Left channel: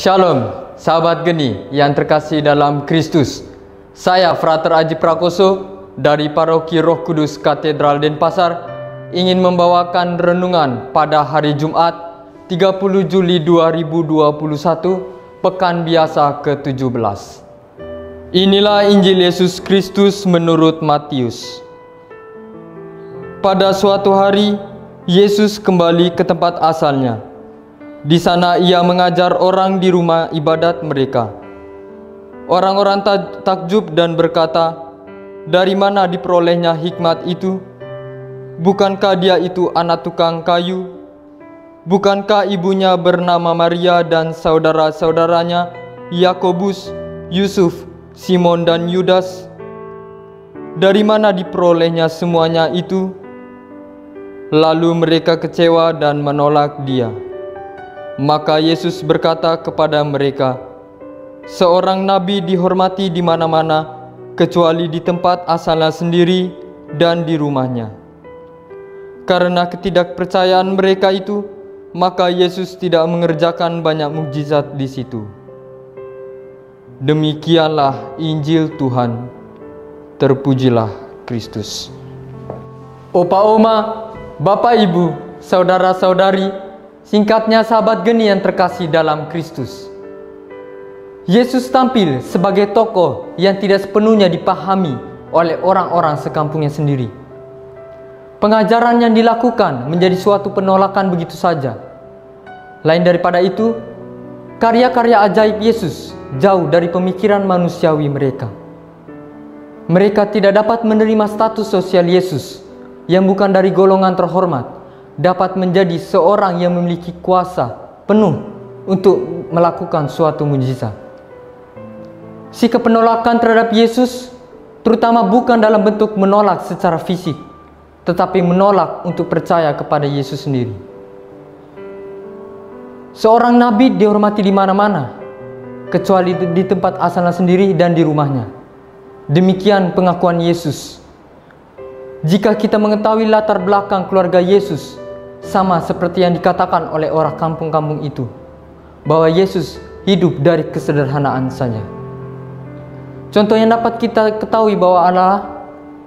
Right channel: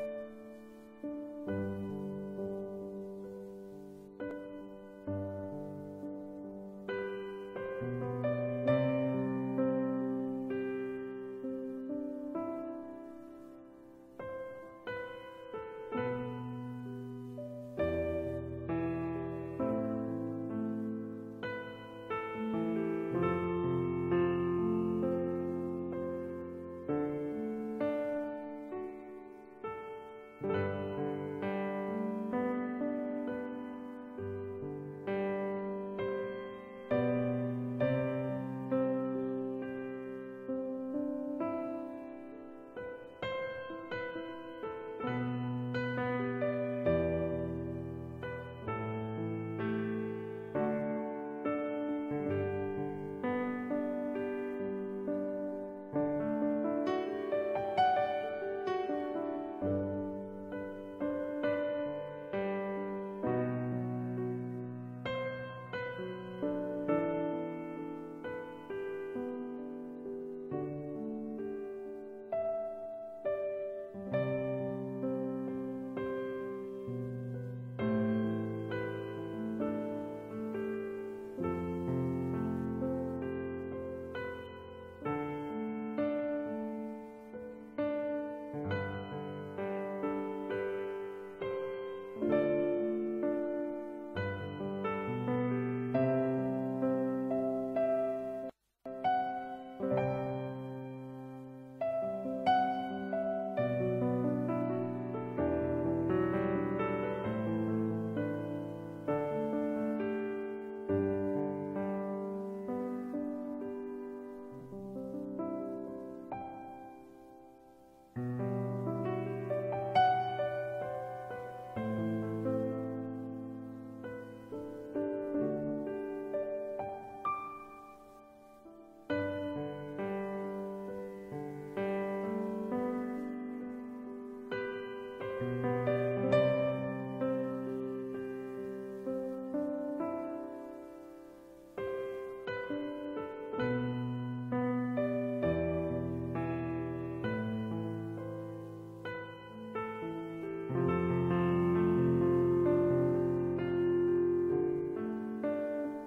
Shalom, sahabat geni yang terkasih dalam Kristus. Saya Frater Aji Prakoso dari Paroki Roh Kudus Katedral Denpasar ingin membawakan renungan pada hari Jumat 30 Juli 2021, Pekan Biasa ke-17. Inilah Injil Yesus Kristus menurut Matius. Pada suatu hari, Yesus kembali ke tempat asalnya. Di sana ia mengajar orang di rumah ibadat mereka. Orang-orang takjub dan berkata, "Dari mana diperolehnya hikmat itu? Bukankah dia itu anak tukang kayu? Bukankah ibunya bernama Maria dan saudara-saudaranya Yakobus, Yusuf, Simon dan Yudas? Dari mana diperolehnya semuanya itu?" Lalu mereka kecewa dan menolak dia. Maka Yesus berkata kepada mereka, "Seorang nabi dihormati di mana-mana, kecuali di tempat asalnya sendiri dan di rumahnya." Karena ketidakpercayaan mereka itu, maka Yesus tidak mengerjakan banyak mukjizat di situ. Demikianlah Injil Tuhan. Terpujilah Kristus. Opa Oma, Bapak Ibu, Saudara-saudari, singkatnya sahabat geni yang terkasih dalam Kristus. Yesus tampil sebagai tokoh yang tidak sepenuhnya dipahami oleh orang-orang sekampungnya sendiri. Pengajaran yang dilakukan menjadi suatu penolakan begitu saja. Lain daripada itu, karya-karya ajaib Yesus jauh dari pemikiran manusiawi mereka. Mereka tidak dapat menerima status sosial Yesus yang bukan dari golongan terhormat, dapat menjadi seorang yang memiliki kuasa penuh untuk melakukan suatu mukjizat. Sikap penolakan terhadap Yesus terutama bukan dalam bentuk menolak secara fisik, tetapi menolak untuk percaya kepada Yesus sendiri. Seorang nabi dihormati di mana-mana, kecuali di tempat asalnya sendiri dan di rumahnya. Demikian pengakuan Yesus. Jika kita mengetahui latar belakang keluarga Yesus, sama seperti yang dikatakan oleh orang kampung-kampung itu, bahwa Yesus hidup dari kesederhanaan saja. Contoh yang dapat kita ketahui bahwa adalah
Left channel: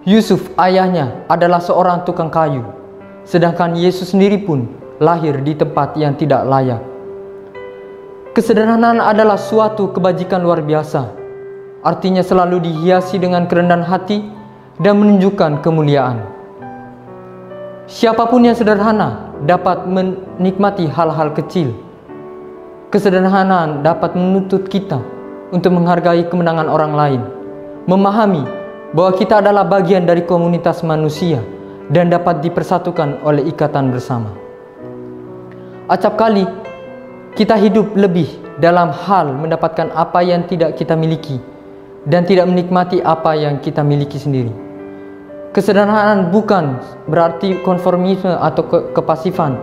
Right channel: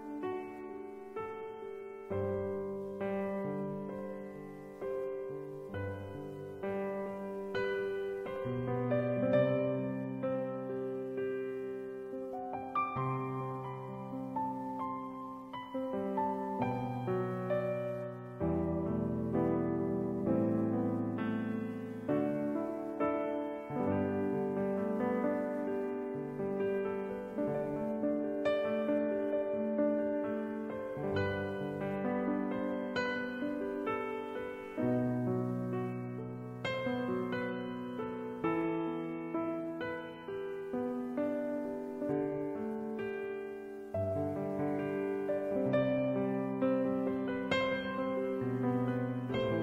Yusuf, ayahnya adalah seorang tukang kayu, sedangkan Yesus sendiri pun lahir di tempat yang tidak layak. Kesederhanaan adalah suatu kebajikan luar biasa, artinya selalu dihiasi dengan kerendahan hati dan menunjukkan kemuliaan. Siapapun yang sederhana dapat menikmati hal-hal kecil. Kesederhanaan dapat menuntut kita untuk menghargai kemenangan orang lain, memahami bahwa kita adalah bagian dari komunitas manusia dan dapat dipersatukan oleh ikatan bersama. Acap kali kita hidup lebih dalam hal mendapatkan apa yang tidak kita miliki dan tidak menikmati apa yang kita miliki sendiri. Kesederhanaan bukan berarti konformisme atau kepasifan,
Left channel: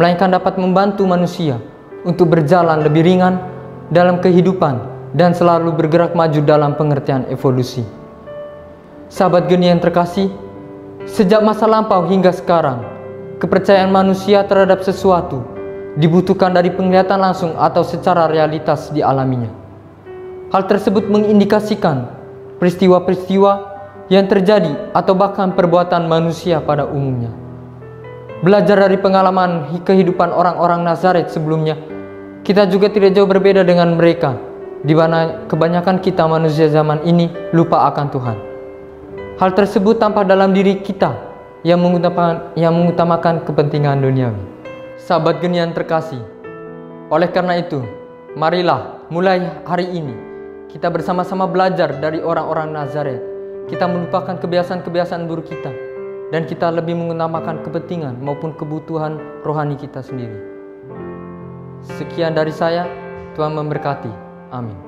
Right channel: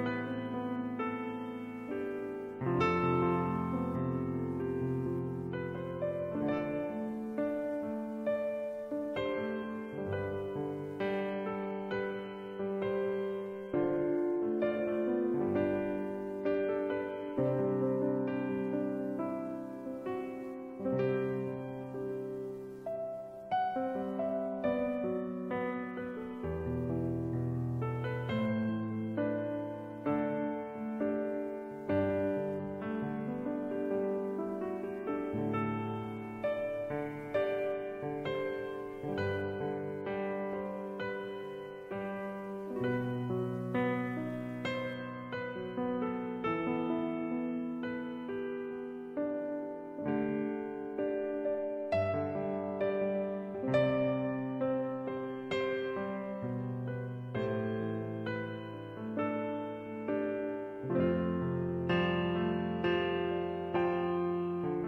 melainkan dapat membantu manusia untuk berjalan lebih ringan dalam kehidupan dan selalu bergerak maju dalam pengertian evolusi. Sahabat geni yang terkasih, sejak masa lampau hingga sekarang, kepercayaan manusia terhadap sesuatu dibutuhkan dari penglihatan langsung atau secara realitas dialaminya. Hal tersebut mengindikasikan peristiwa-peristiwa yang terjadi atau bahkan perbuatan manusia pada umumnya. Belajar dari pengalaman kehidupan orang-orang Nazaret sebelumnya, kita juga tidak jauh berbeda dengan mereka, di mana kebanyakan kita manusia zaman ini lupa akan Tuhan. Hal tersebut tampak dalam diri kita yang mengutamakan kepentingan duniawi. Sahabat geni yang terkasih, oleh karena itu, marilah mulai hari ini kita bersama-sama belajar dari orang-orang Nazaret. Kita melupakan kebiasaan-kebiasaan buruk kita dan kita lebih mengutamakan kepentingan maupun kebutuhan rohani kita sendiri. Sekian dari saya, Tuhan memberkati. Amin.